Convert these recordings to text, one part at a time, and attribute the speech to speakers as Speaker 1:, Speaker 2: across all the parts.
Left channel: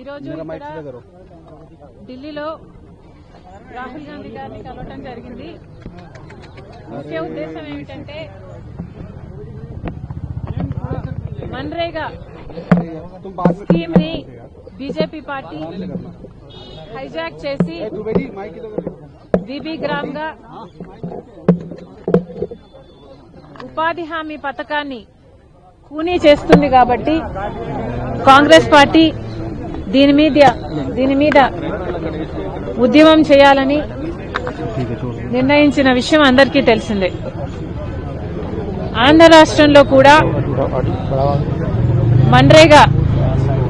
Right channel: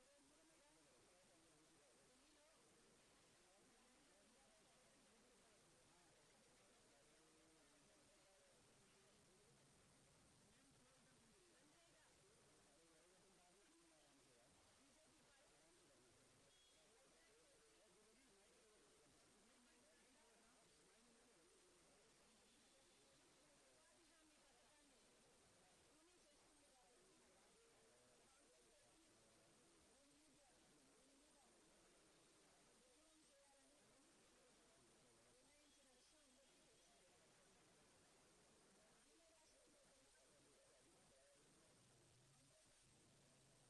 Speaker 1: ఈరోజు ఢిల్లీలో రాహుల్ గాంధీ గారిని కలవటం జరిగింది. ముఖ్య ఉద్దేశం ఏమిటంటే మన్రేగా స్కీమ్ని బీజేపీ పార్టీ హైజాక్ చేసి బీబీ గ్రామ్గా ఉపాధి హామీ పథకాన్ని కూనీ చేస్తుంది కాబట్టి కాంగ్రెస్ పార్టీ దీని మీద దీని మీద ఉద్యమం చేయాలని నిర్ణయించిన విషయం అందరికీ తెలిసిందే. ఆంధ్ర రాష్ట్రంలో కూడా మన్రేగా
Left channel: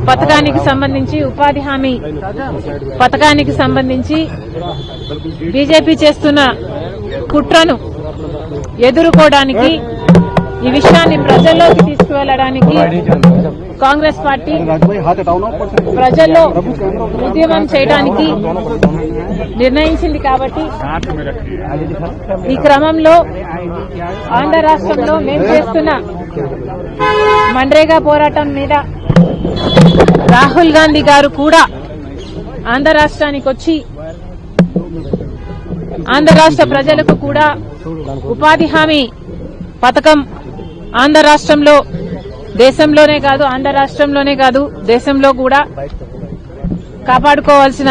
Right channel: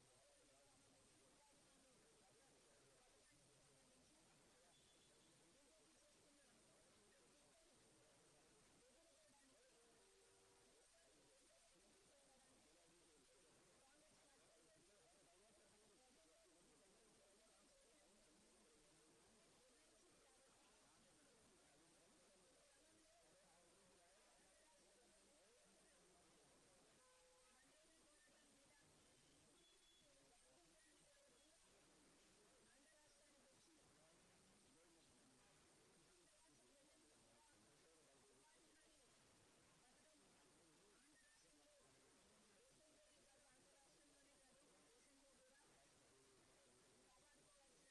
Speaker 1: పథకానికి సంబంధించి ఉపాధి హామీ పథకానికి సంబంధించి బీజేపీ చేస్తున్న కుట్రను ఎదుర్కోవడానికి ఈ విషయాన్ని ప్రజల్లోకి తీసుకువెళ్ళడానికి కాంగ్రెస్ పార్టీ ప్రజల్లో ఉద్యమం చేయడానికి నిర్ణయించింది కాబట్టి ఈ క్రమంలో ఆంధ్ర రాష్ట్రంలో మేము చేస్తున్న మండ్రేగా పోరాటం మీద రాహుల్ గాంధీ గారు కూడా ఆంధ్ర రాష్ట్రానికి వచ్చి ఆంధ్ర రాష్ట్ర ప్రజలకు కూడా ఉపాధి హామీ పథకం ఆంధ్ర రాష్ట్రంలో దేశంలోనే కాదు ఆంధ్ర రాష్ట్రంలోనే కాదు దేశంలో కూడా కాపాడుకోవాల్సిన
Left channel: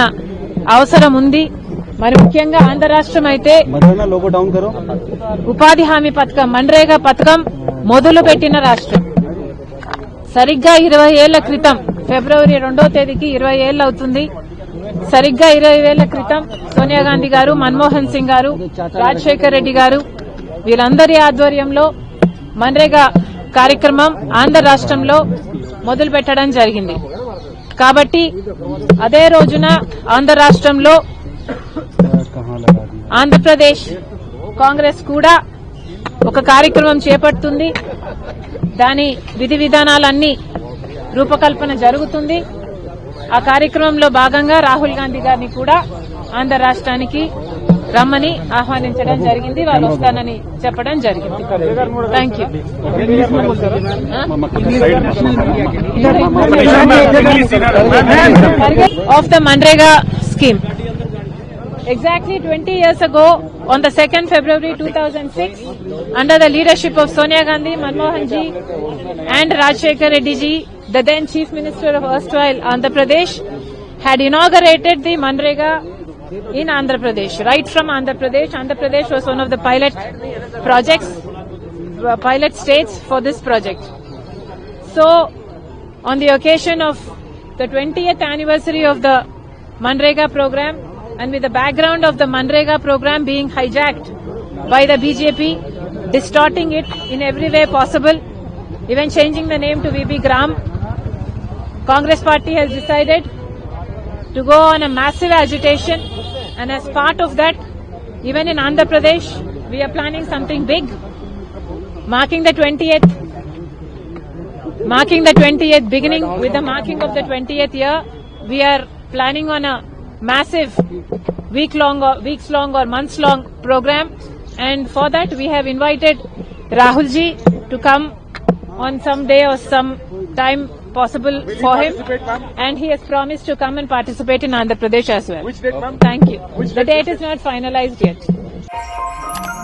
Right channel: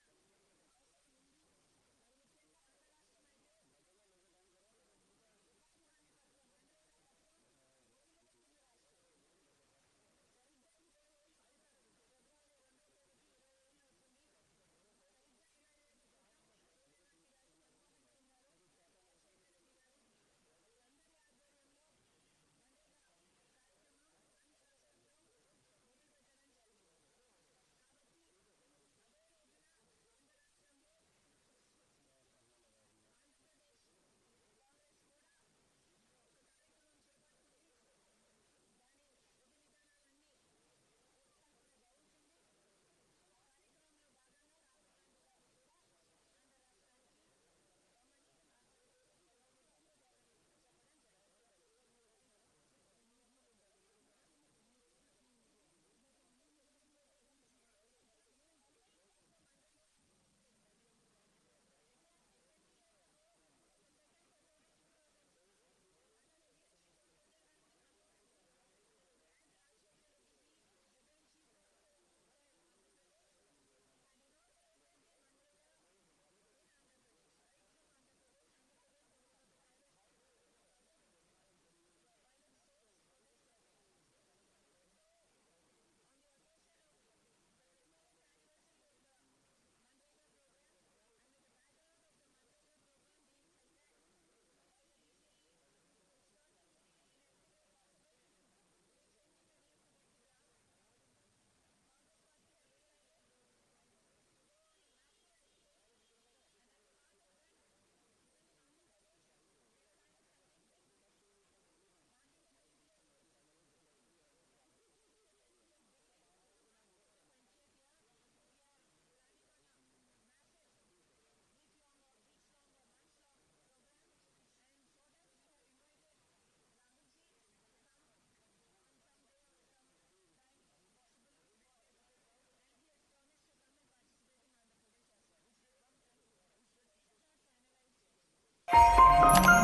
Speaker 1: అవసరం ఉంది. మరి ముఖ్యంగా ఆంధ్ర రాష్ట్రం అయితే ఉపాధి హామీ పథకం మన్రేగా పథకం మొదలు పెట్టిన రాష్ట్రం. సరిగ్గా ఇరవై ఏళ్ళ క్రితం ఫిబ్రవరి రెండో తేదీకి ఇరవై ఏళ్ళు అవుతుంది. సరిగ్గా ఇరవై ఏళ్ళ క్రితం సోనియా గాంధీ గారు మన్మోహన్ సింగ్ గారు రాజశేఖర్ రెడ్డి గారు వీళ్ళందరి ఆధ్వర్యంలో మన్రేగా కార్యక్రమం ఆంధ్ర రాష్ట్రంలో మొదలు పెట్టడం జరిగింది. కాబట్టి అదే రోజున ఆంధ్ర రాష్ట్రంలో ఆంధ్రప్రదేశ్ కాంగ్రెస్ కూడా ఒక కార్యక్రమం చేపడుతుంది. దాని విధి విధానాలన్నీ రూపకల్పన జరుగుతుంది. ఆ కార్యక్రమంలో భాగంగా రాహుల్ గాంధీ గారిని కూడా ఆంధ్ర రాష్ట్రానికి రమ్మని ఆహ్వానించడం జరిగింది వాళ్ళు వస్తానని చెప్పడం జరిగింది thank you of the Manrega scheme. Exactly 20 years ago, on the 2nd February 2006, under the leadership of Sonia Gandhi, Manmohan ji, and Rajshekar Reddy ji, the then Chief Minister of erstwhile Andhra Pradesh, had inaugurated the Manrega in Andhra Pradesh. Right from Andhra Pradesh, Andhra Pradesh was one of the pilot projects, uh, pilot states for this project. So, on the occasion of the 20th anniversary of the Manrega program and with the background of the Manrega program being hijacked by the BJP, distorting it in every way possible, even changing the name to VB Gram, Congress party has decided to go on a massive agitation. And as part of that, even in Andhra Pradesh, we are planning something big, marking the 20th marking the 20th beginning. With the marking of the 20th year we are planning on a massive week long or weeks long or months long program. And for that we have invited rahul ji to come on some day or some time possible for him. and he has promised to come and participate in andhra pradesh as well.
Speaker 2: Which date, ma'am?
Speaker 1: thank you.
Speaker 2: Which
Speaker 1: the
Speaker 2: date?
Speaker 1: date is not finalized yet